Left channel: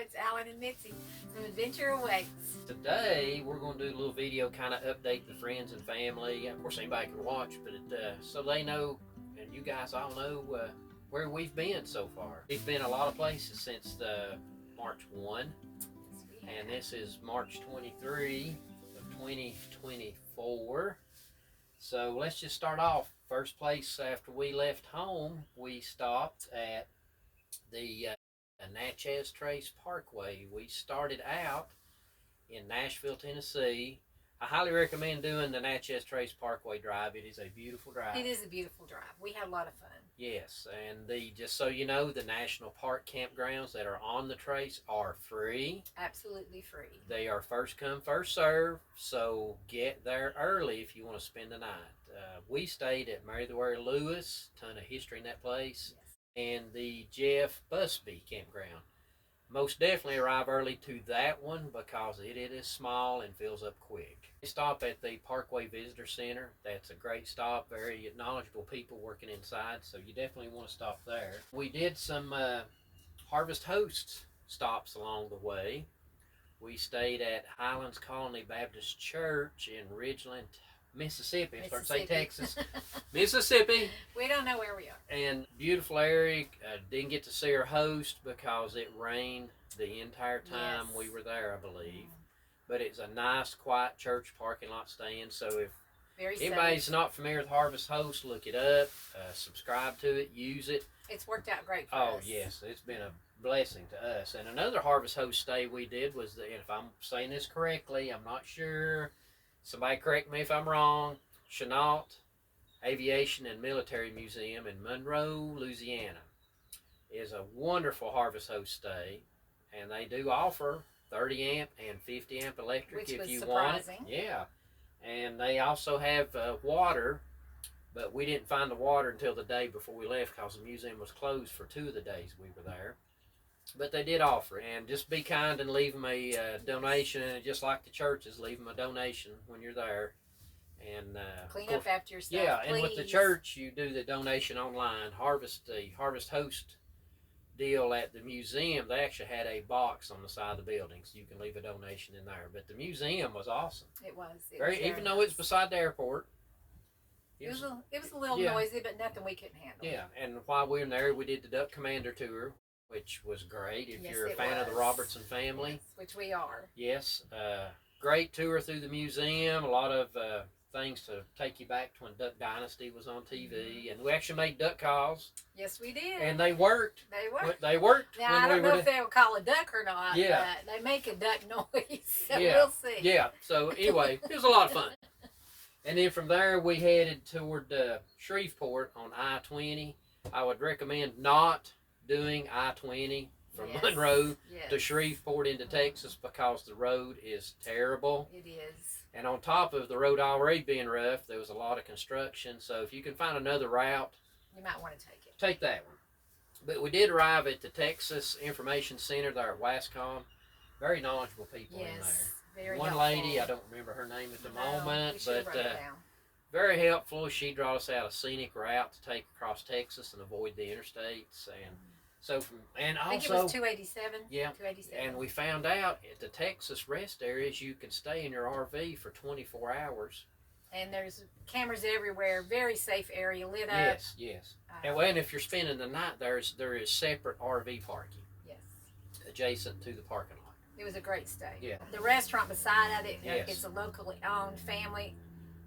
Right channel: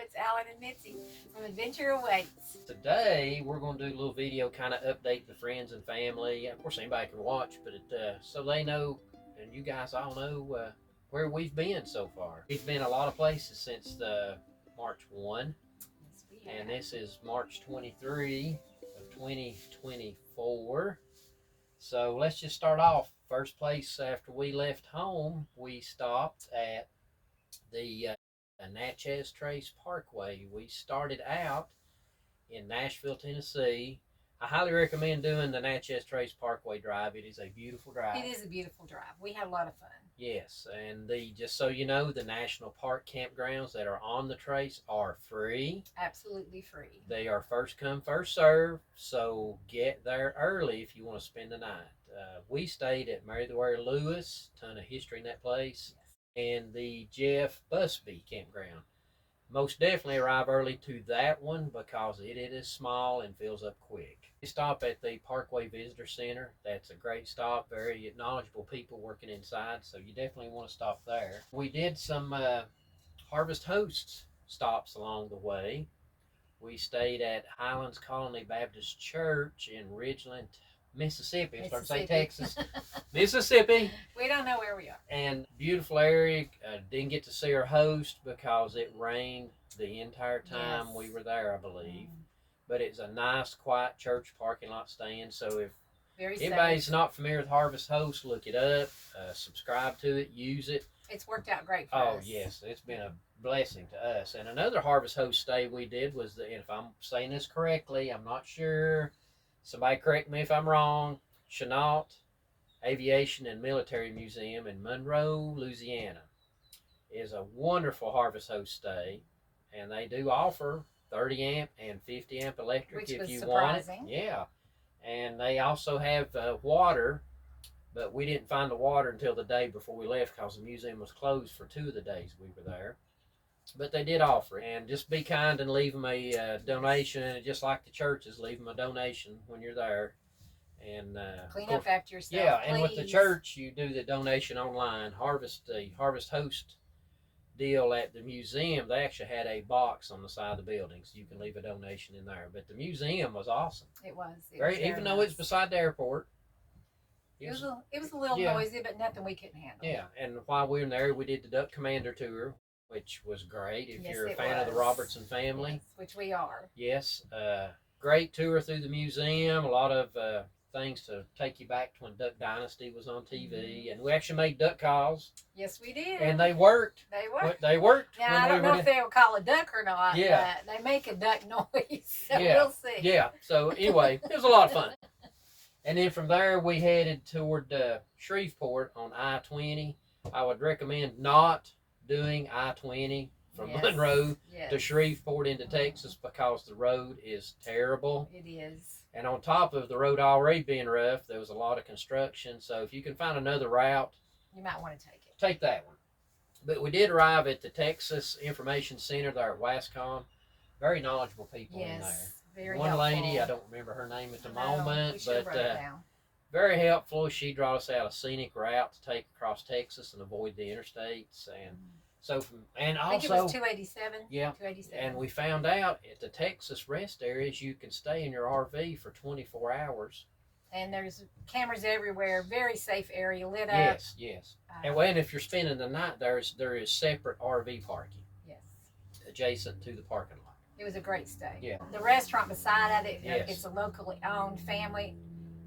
it's Alan and Mitzi from Adventure Awaits. Today we're going to do a little video, kind of update the friends and family. Of course, anybody can watch, but so they know, and you guys all know where we've been so far. We've been a lot of places since the March 1, and this is March 23 of 2024. So let's just start off. First place after we left home, we stopped at the Natchez Trace Parkway. We started out in Nashville, Tennessee. I highly recommend doing the Natchez Trace Parkway drive. It is a beautiful drive. It is a beautiful drive. We had a lot of fun. Yes, and just so you know, the national park campgrounds that are on the trace are free. Absolutely free. They are first come, first serve, so get there early if you want to spend the night. We stayed at Meriwether Lewis, ton of history in that place, and the Jeff Busby campground. Most definitely arrive early to that one because it is small and fills up quick. We stop at the Parkway Visitor Center. That's a great stop. Very knowledgeable people working inside, so you definitely want to stop there. We did some Harvest Hosts stops along the way. We stayed at Highlands Colony Baptist Church in Ridgeland, Mississippi. I started to say Texas. Mississippi. We don't know where we are. And beautiful area. Didn't get to see our host because it rained the entire time we were there, I believe. But it's a nice, quiet church parking lot stand. So if anybody's not familiar with Harvest Host, look it up, subscribe to it, use it. It's worked out great for us. Oh, yes. It's been a blessing to us. And another Harvest Host stay we did was, if I'm saying this correctly, I'm not sure. Somebody correct me if I'm wrong. Chenault Aviation and Military Museum in Monroe, Louisiana is a wonderful Harvest Host stay, and they do offer 30 amp and 50 amp electric. Which if was you surprising. want it. Yeah, and they also have water, but we didn't find the water until the day before we left because the museum was closed for 2 of the days we were there. But they did offer it, and just be kind and leave them a donation, and just like the churches, leave them a donation when you're there. And clean up after yourself. Yeah, please. and with the church, you do the donation online. The Harvest Host deal at the museum, they actually had a box on the side of the building, so you can leave a donation in there. But the museum was awesome. It was. Even though it's beside the airport. It was a little noisy, but nothing we couldn't handle. Yeah, and while we were there, we did the Duck Commander tour, which was great if you're a fan of the Robertson family. Yes, which we are. Yes, great tour through the museum, a lot of things to take you back to when Duck Dynasty was on TV, and we actually made duck calls. Yes, we did. And they worked. They worked. They worked. Now, I don't know if they would call a duck or not, but they make a duck noise, so we'll see. Yeah, so anyway, it was a lot of fun. And then from there, we headed toward Shreveport on I-20. I would recommend not doing I-20 from Monroe to Shreveport into Texas because the road is terrible. It is. And on top of the road already being rough, there was a lot of construction. So if you can find another route, you might want to take it. Take that one. But we did arrive at the Texas Information Center there at Wascom. Very knowledgeable people in there. Very One helpful. lady, I don't remember her name at the moment, but very helpful. She brought us out a scenic route to take across Texas and avoid the interstates. And so I think it was 287. Yeah. 287. And we found out at the Texas rest areas you can stay in your RV for 24 hours. And there's cameras everywhere. Very safe area, lit up. Yes, yes. And if you're spending the night there is separate RV parking. Yes. Adjacent to the parking lot. It was a great stay. Yeah. The restaurant beside it, it's a locally owned family,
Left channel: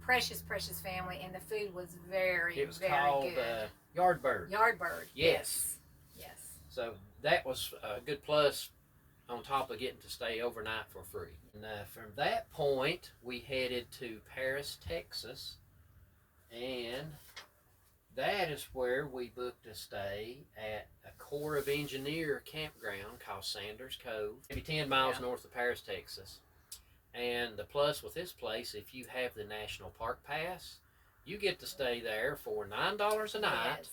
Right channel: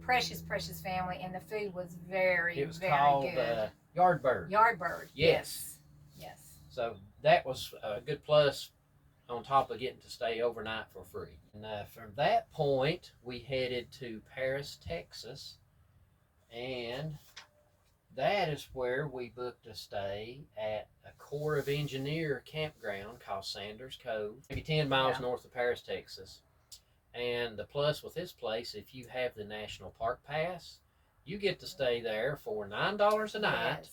precious family, and the food was very, it was very called, good. Yardbird. Yardbird. Yes. Yes. So that was a good plus on top of getting to stay overnight for free. And from that point, we headed to Paris, Texas, and that is where we booked a stay at a Corps of Engineer campground called Sanders Cove, maybe 10 miles north of Paris, Texas. And the plus with this place, if you have the National Park Pass, you get to stay there for $9 a night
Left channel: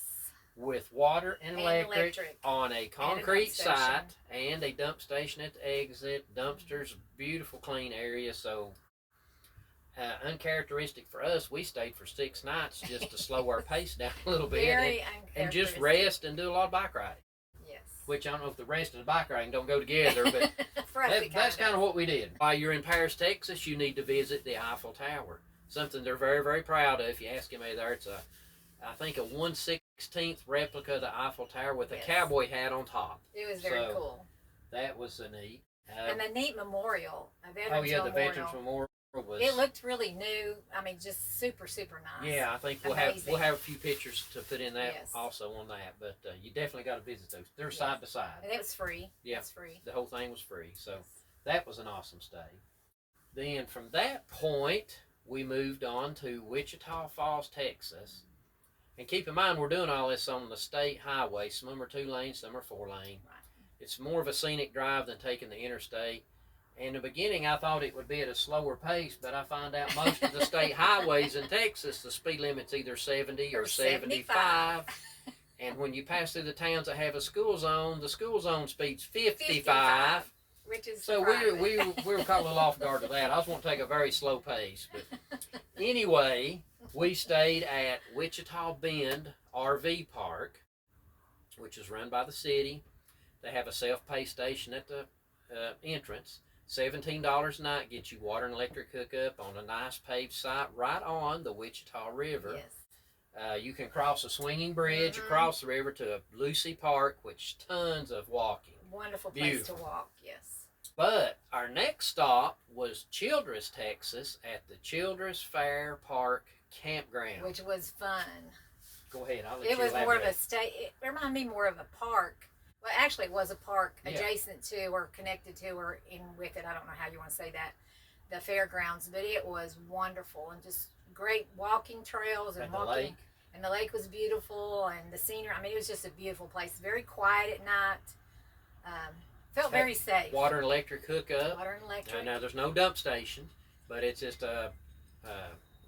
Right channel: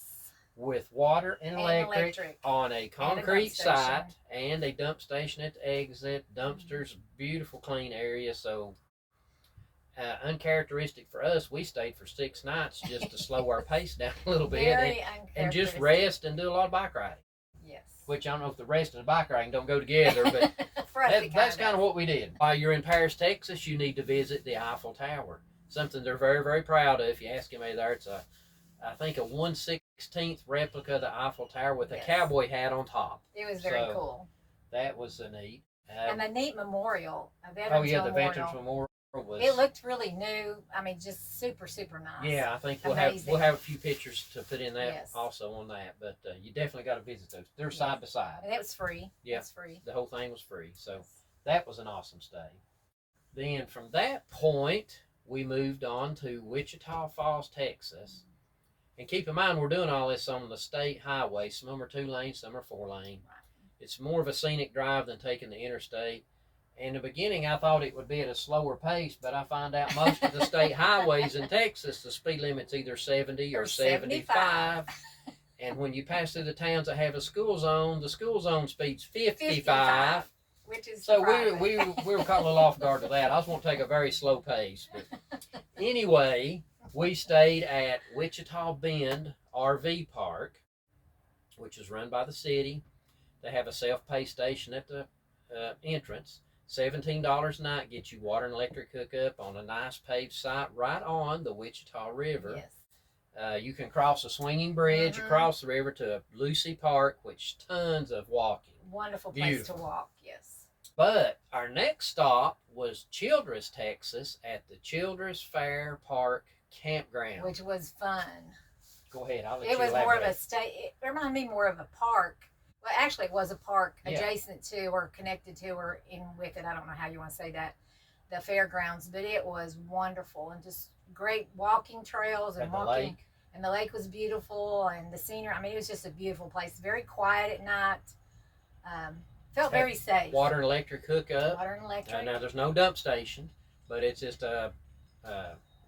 with water and electric on a concrete site and a dump station at the exit. Dumpsters, beautiful, clean area. So uncharacteristic for us, we stayed for 6 nights just to slow our pace down a little bit and just rest and do a lot of bike riding. Yes. which I don't know if the rest of the bike riding don't go together, but For us, that's kind of what we did. While you're in Paris, Texas, you need to visit the Eiffel Tower. Something they're very, very proud of. If you ask anybody there, it's I think a 1/16 replica of the Eiffel Tower with a cowboy hat on top. It was very cool. That was a neat. And the neat memorial, a Veterans the Memorial. Veterans Memorial was. It looked really new. I mean, just super, super nice. Yeah, I think we'll have a few pictures to put in that also on that. But you definitely got to visit those. They're side by side. And it was free. Yeah, it's free. The whole thing was free. So that was an awesome stay. Then from that point, we moved on to Wichita Falls, Texas. And keep in mind, we're doing all this on the state highway. Some of them are 2 lanes, some are 4 lane. Right. It's more of a scenic drive than taking the interstate. In the beginning, I thought it would be at a slower pace, but I find out most of the state highways in Texas, the speed limit's either 70 or 75. And when you pass through the towns that have a school zone, the school zone speed's 55. Which is so we were caught a little off guard with that. I was going to take a very slow pace. But anyway, we stayed at Wichita Bend RV Park, which is run by the city. They have a self-pay station at the entrance. $17 a night gets you water and electric hookup on a nice paved site right on the Wichita River. Yes. You can cross a swinging bridge across the river to Lucy Park, which tons of walking. Wonderful place to walk, yes. But our next stop was Childress, Texas, at the Childress Fair Park Campground. Which was fun. Go ahead, I'll let you elaborate. It was more of a it reminded me more of a park. Well, actually, it was a park adjacent to or connected to or in with it. I don't know how you want to say that, the fairgrounds, but it was wonderful and just great walking trails and walking. Lake. And the lake was beautiful and the scenery. I mean, it was just a beautiful place. Very quiet at night. Felt very safe. Water and electric hookup. Water and electric. Now, there's no dump station, but it's just a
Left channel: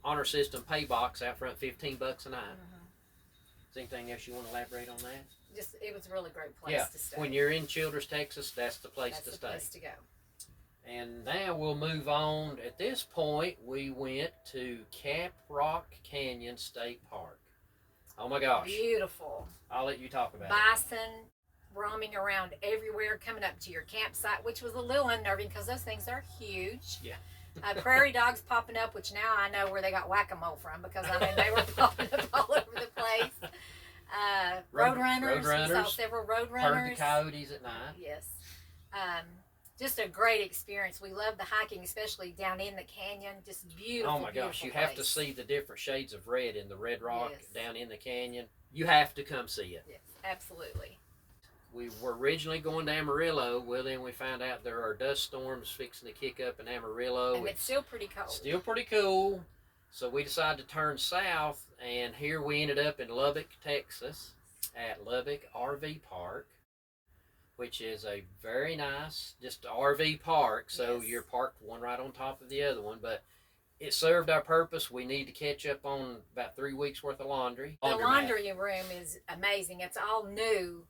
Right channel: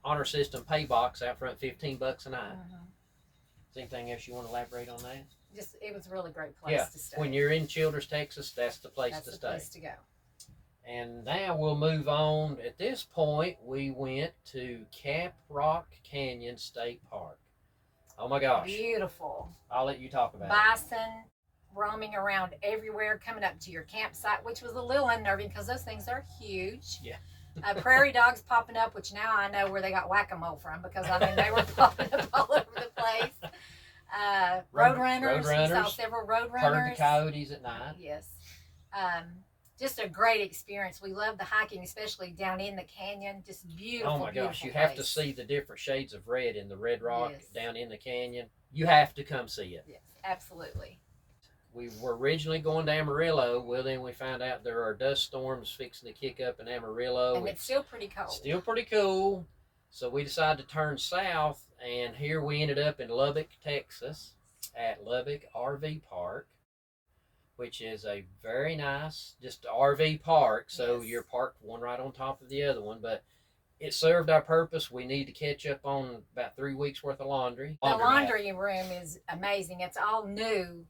honor system pay box out front, $15 a night. Is anything else you want to elaborate on that? Just it was a really great place to stay. When you're in Childress, Texas, that's the place to stay. That's the place to go. And now we'll move on. At this point, we went to Caprock Canyon State Park. Oh my gosh. Beautiful. I'll let you talk about Bison roaming around everywhere, coming up to your campsite, which was a little unnerving because those things are huge. Yeah. Prairie dogs popping up, which now I know where they got whack-a-mole from because I mean they were popping up all over the place. Roadrunners. We saw several roadrunners. Heard the coyotes at night. Yes. Just a great experience. We love the hiking, especially down in the canyon. Just beautiful. Oh my gosh, you have to see the different shades of red in the red rock down in the canyon. You have to come see it. Yes, absolutely. We were originally going to Amarillo. Well, then we found out there are dust storms fixing to kick up in Amarillo. And it's still pretty cold. Still pretty cool. So we decided to turn south, and here we ended up in Lubbock, Texas, at Lubbock RV Park, which is a very nice, just RV park. So you're parked one right on top of the other one, but it served our purpose. We need to catch up on about 3 weeks worth of laundry. The laundry room is amazing. It's all new,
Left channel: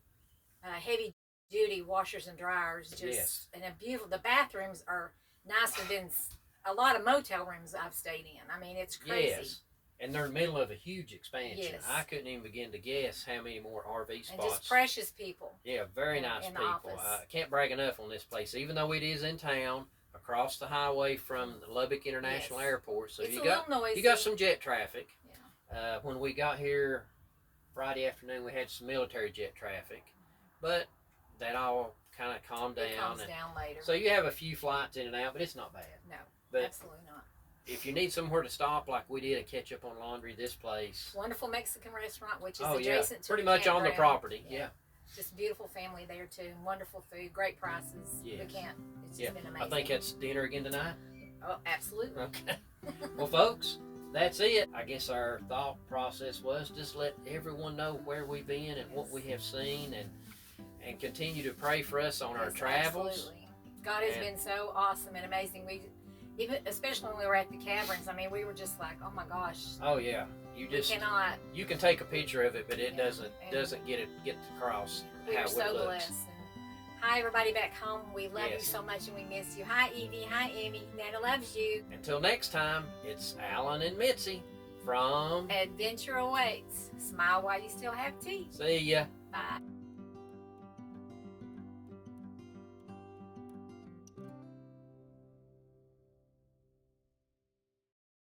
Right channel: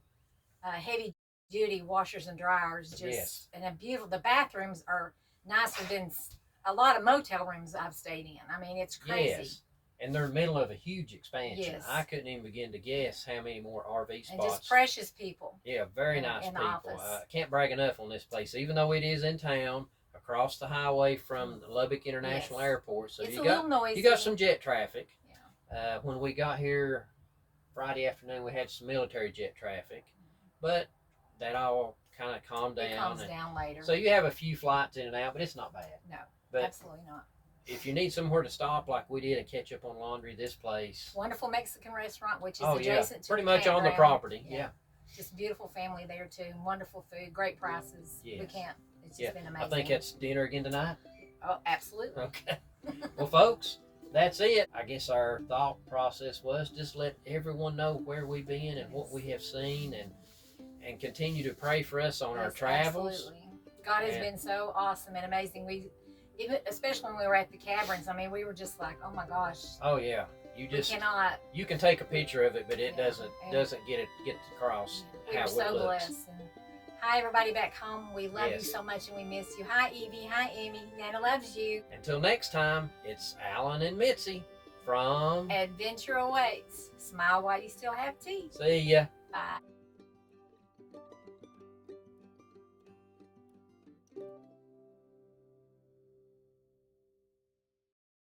heavy duty washers and dryers. And a beautiful. The bathrooms are nicer than a lot of motel rooms I've stayed in. I mean, it's crazy. Yes. And they're in the middle of a huge expansion. Yes. I couldn't even begin to guess how many more RV spots. And just precious people. Yeah, very nice people. I can't brag enough on this place, even though it is in town, across the highway from the Lubbock International Airport. So it's a little noisy. You got some jet traffic. Yeah. When we got here Friday afternoon, we had some military jet traffic, but that all kind of calmed down. It calms down later. So you have a few flights in and out, but it's not bad. No, but absolutely not. If you need somewhere to stop like we did and catch up on laundry, this place. Wonderful Mexican restaurant, which is adjacent to pretty much on the property. Yeah. Just beautiful family there too. Wonderful food, great prices. Yes. We can't. It's just been amazing. I think it's dinner again tonight. Oh, absolutely. Okay. Well, folks, that's it. I guess our thought process was just let everyone know where we've been and what we have seen, and continue to pray for us on our travels. Absolutely. God has been so awesome and amazing. Even especially when we were at the caverns, I mean, we were just like, oh my gosh. Oh yeah, you can take a picture of it, but it doesn't get across. We were so blessed. And hi everybody back home. We love you so much and we miss you. Hi Evie. Hi Amy. Nana loves you. Until next time, it's Alan and Mitzi from Adventure Awaits. Smile while you still have teeth. See ya. Bye.